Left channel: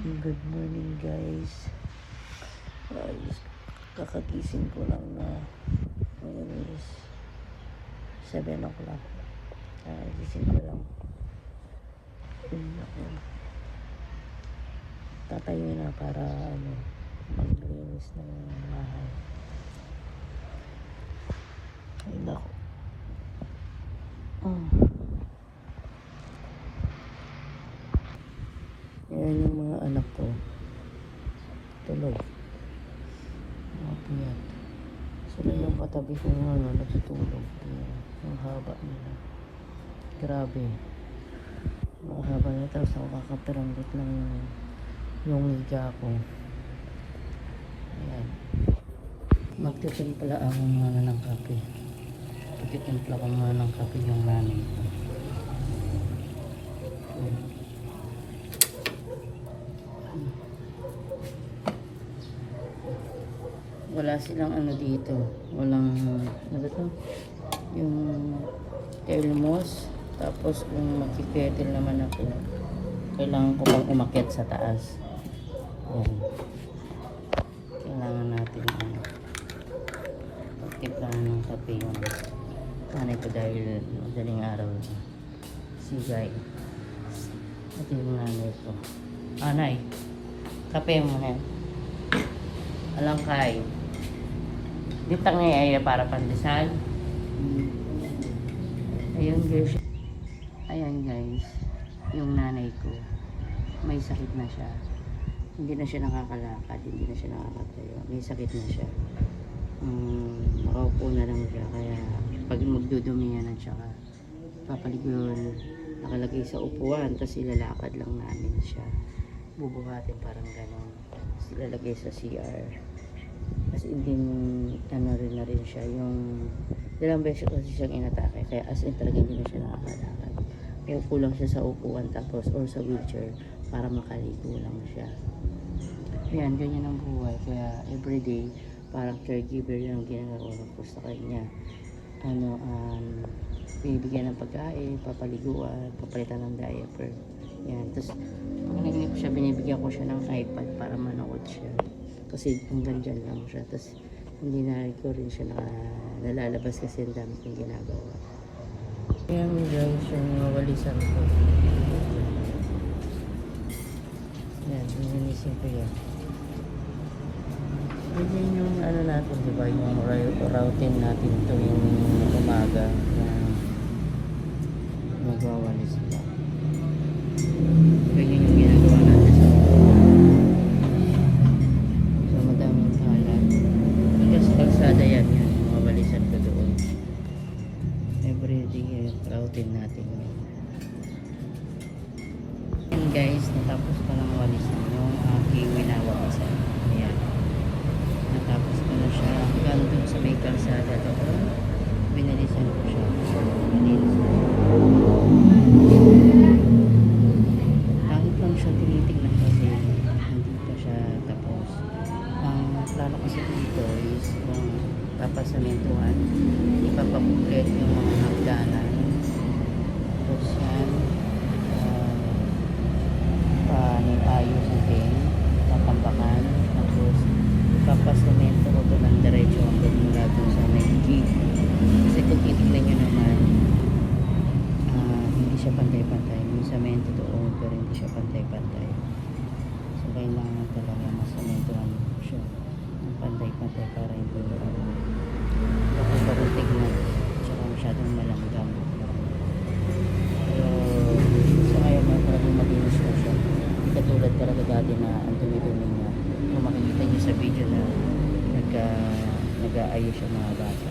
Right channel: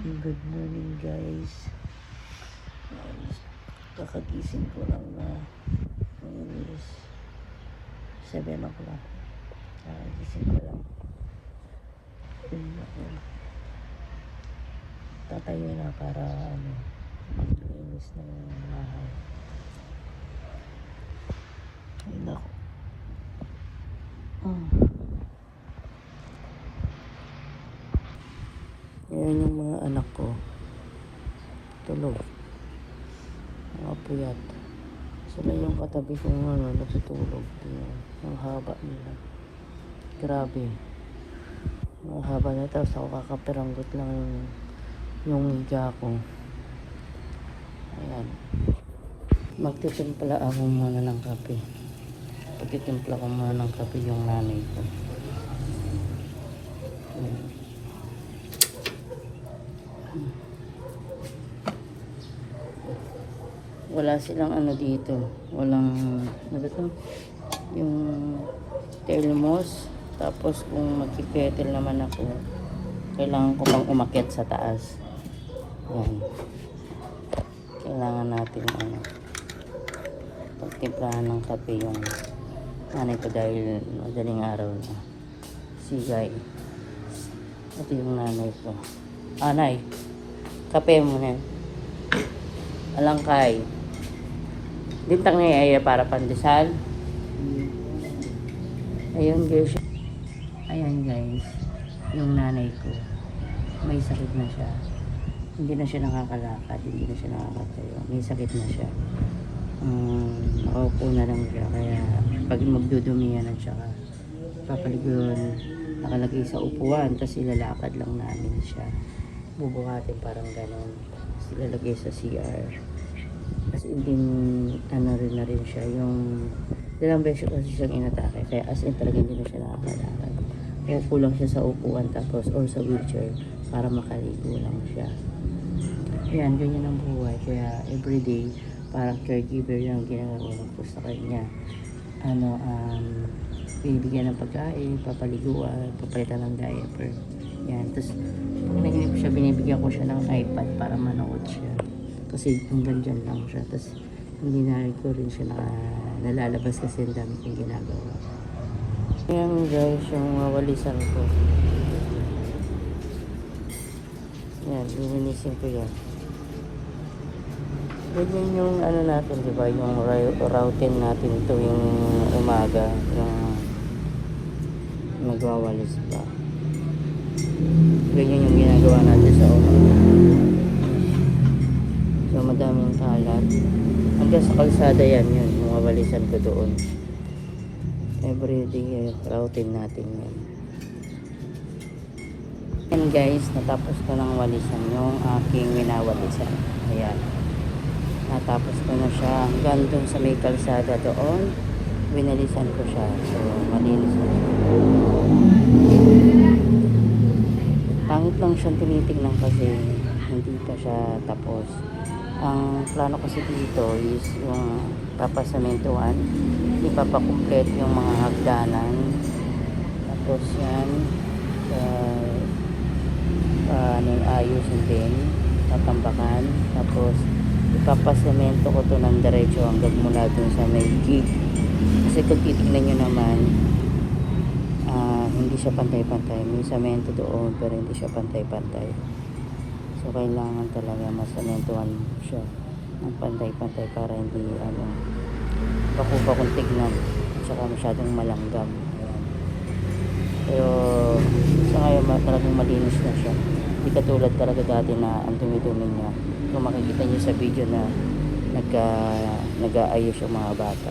Good morning guys. Kakagising ko lang. Ngayon is 7 o'clock. Gising ko lang. Ako. Tatayo na para mag-linis ng bahay. Ayun ako. Ayan yung mga anak ko. Tulog. Mga puyat. Sila yung katabi ko nga natutulog. Ang haba nila. Grabe. Ang haba nila. Tapos ako kakapiranggot lang yung media ko. Ayan. Magtitimpla ako muna ng kape. Pagtitimpla ko muna ng kape yung nanay ko. Ayan. Wala silang dito, walang yung thermos. Tapos kung magkipetel naman ako, kailangan ko pang umakyat sa taas. Yan, kailangan natin pagtimplahan ng kape yung nanay ko dahil madaling araw na sigay. Ito yung nanay ko. Nay, kape mo na alangkay. Ditang ngayaya para pandesal. Ayun guys. Ayan guys. Yung nanay ko. May sakit na siya. Hindi na siya nakakalakad. Hindi na siya nakakatayo. May sakit na siya. Nakaupo na lang siya. Kaya pag magdudumi yan at saka papaligon, nakalagay sa upuan. Tapos ilalakad lang namin siya. Bubuhatin parang ganon. Tapos ilalagay sa CR. As in din, rin na rin siya yung ilang beses kasi siyang inatake, kaya as in talaga hindi na siya nakakalakad. Upo lang siya sa upuan tapos or sa wheelchair para makaligo lang siya. Ayan, ganyan ang buhay. Kaya everyday parang caregiver yung ginagawa ko sa kanya. Binibigyan ng pagkain, papaliguan, papalitan ng diaper. Yan, tapos pag naginip siya, binibigyan ko siya ng iPad para manood siya. Kasi hanggang dyan lang siya. Tapos hindi na ko rin siya nalalabas kasi ang dami kong ginagawa. Ayan guys, yung walisan ko. Ayan, ininisin ko yan. Ganyan yung natin, diba? Yung routine natin tuwing umaga na magwawalis pa. Ganyan yung ginagawa natin sa ulo. Madaming kalat. Hanggang sa kalsada yan, mga walisan ko doon. Everyday routine natin yan. And guys, natapos ko ng walisan yung aking winawalisan. Ayan. Natapos ko na siya hanggang doon sa may kalsada doon. Winalisan ko siya. So, malinis na yun. Pangit lang siyang tinitignan kasi hindi pa siya tapos. Ang plano kasi dito is yung papasamentuan, ipapakumplet yung mga hagdanan. Tapos yan, ayos din, natambakan. Tapos ipapasemento ko to ng diretso hanggang mula dun sa may gig. Kasi kung titignan nyo naman, hindi siya pantay-pantay. May semento doon pero hindi siya pantay-pantay. So kailangan talaga masementuhan siya ng pantay-pantay para hindi bakupa kung tignan saka masyadong malanggam. Pero sa ngayon talagang malinis na siya. Hindi katulad talaga dati na ang dumi-dumi niya. Kung makikita niyo sa video na nag-aayos yung mga bata.